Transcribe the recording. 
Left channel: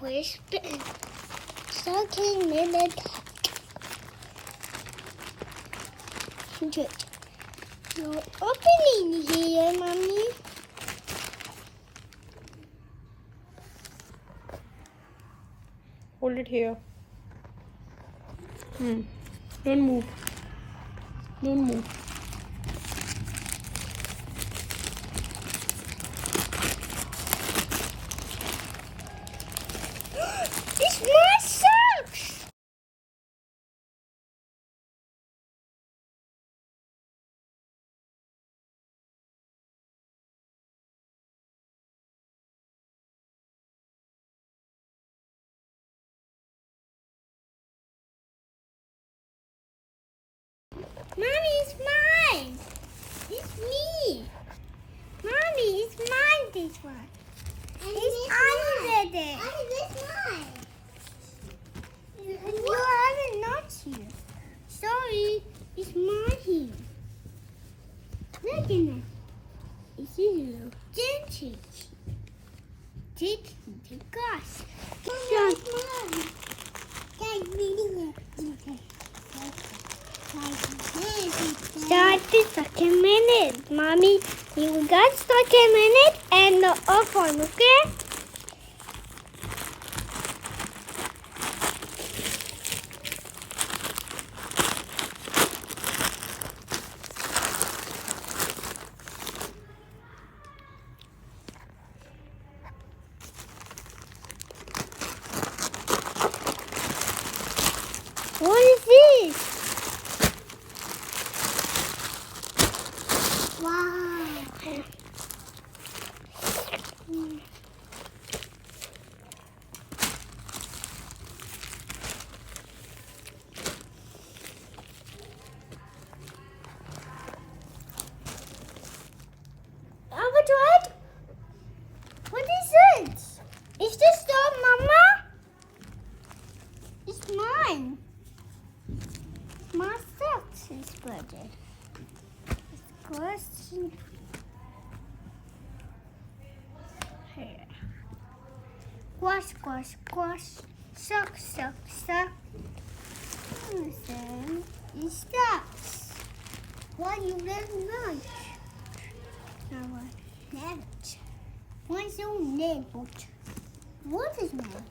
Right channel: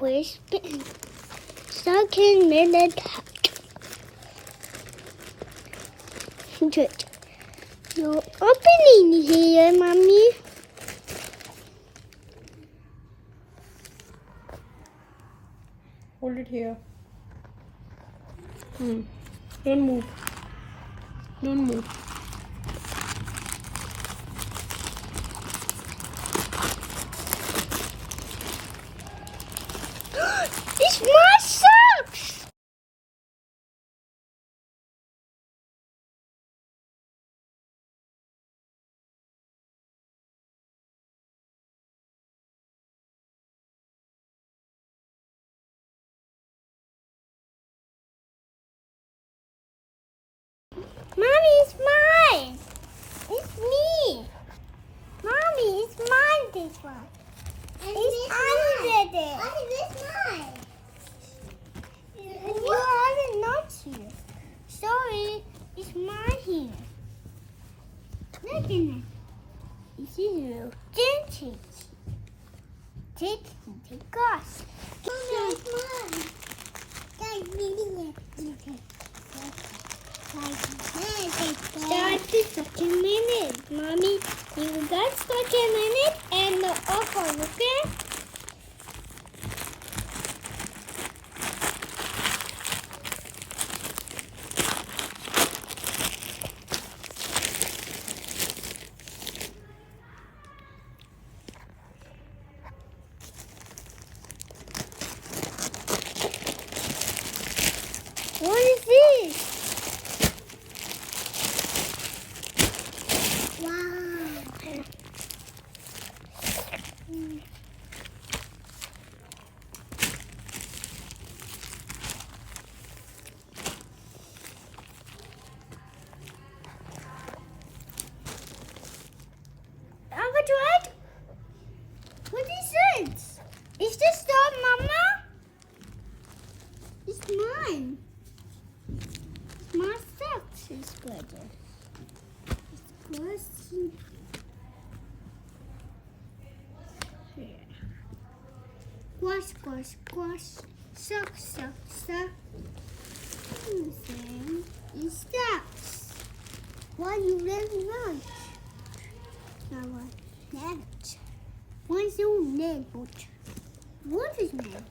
Waistband. Second minute. Good. No opening here, Mommy. Hold it here. Don't move. Don't move. It's my socks! Mommy, it's mine! It's me! Mommy, it's mine, this one. And it's under there. Oh, this mine. You haven't noticed. Sorry, it's mine here. Look at it. It's little vintage. Take us. Mommy, it's mine. That's really good. Start the second minute, Mommy. You got second minute and the off one, okay? What is this? Wow. What? What is it? Is this dog, Mama? It's mine. My socks is good. It's good. Here. Wash. Suck. It stops. Why you very much? What's your name? What is name?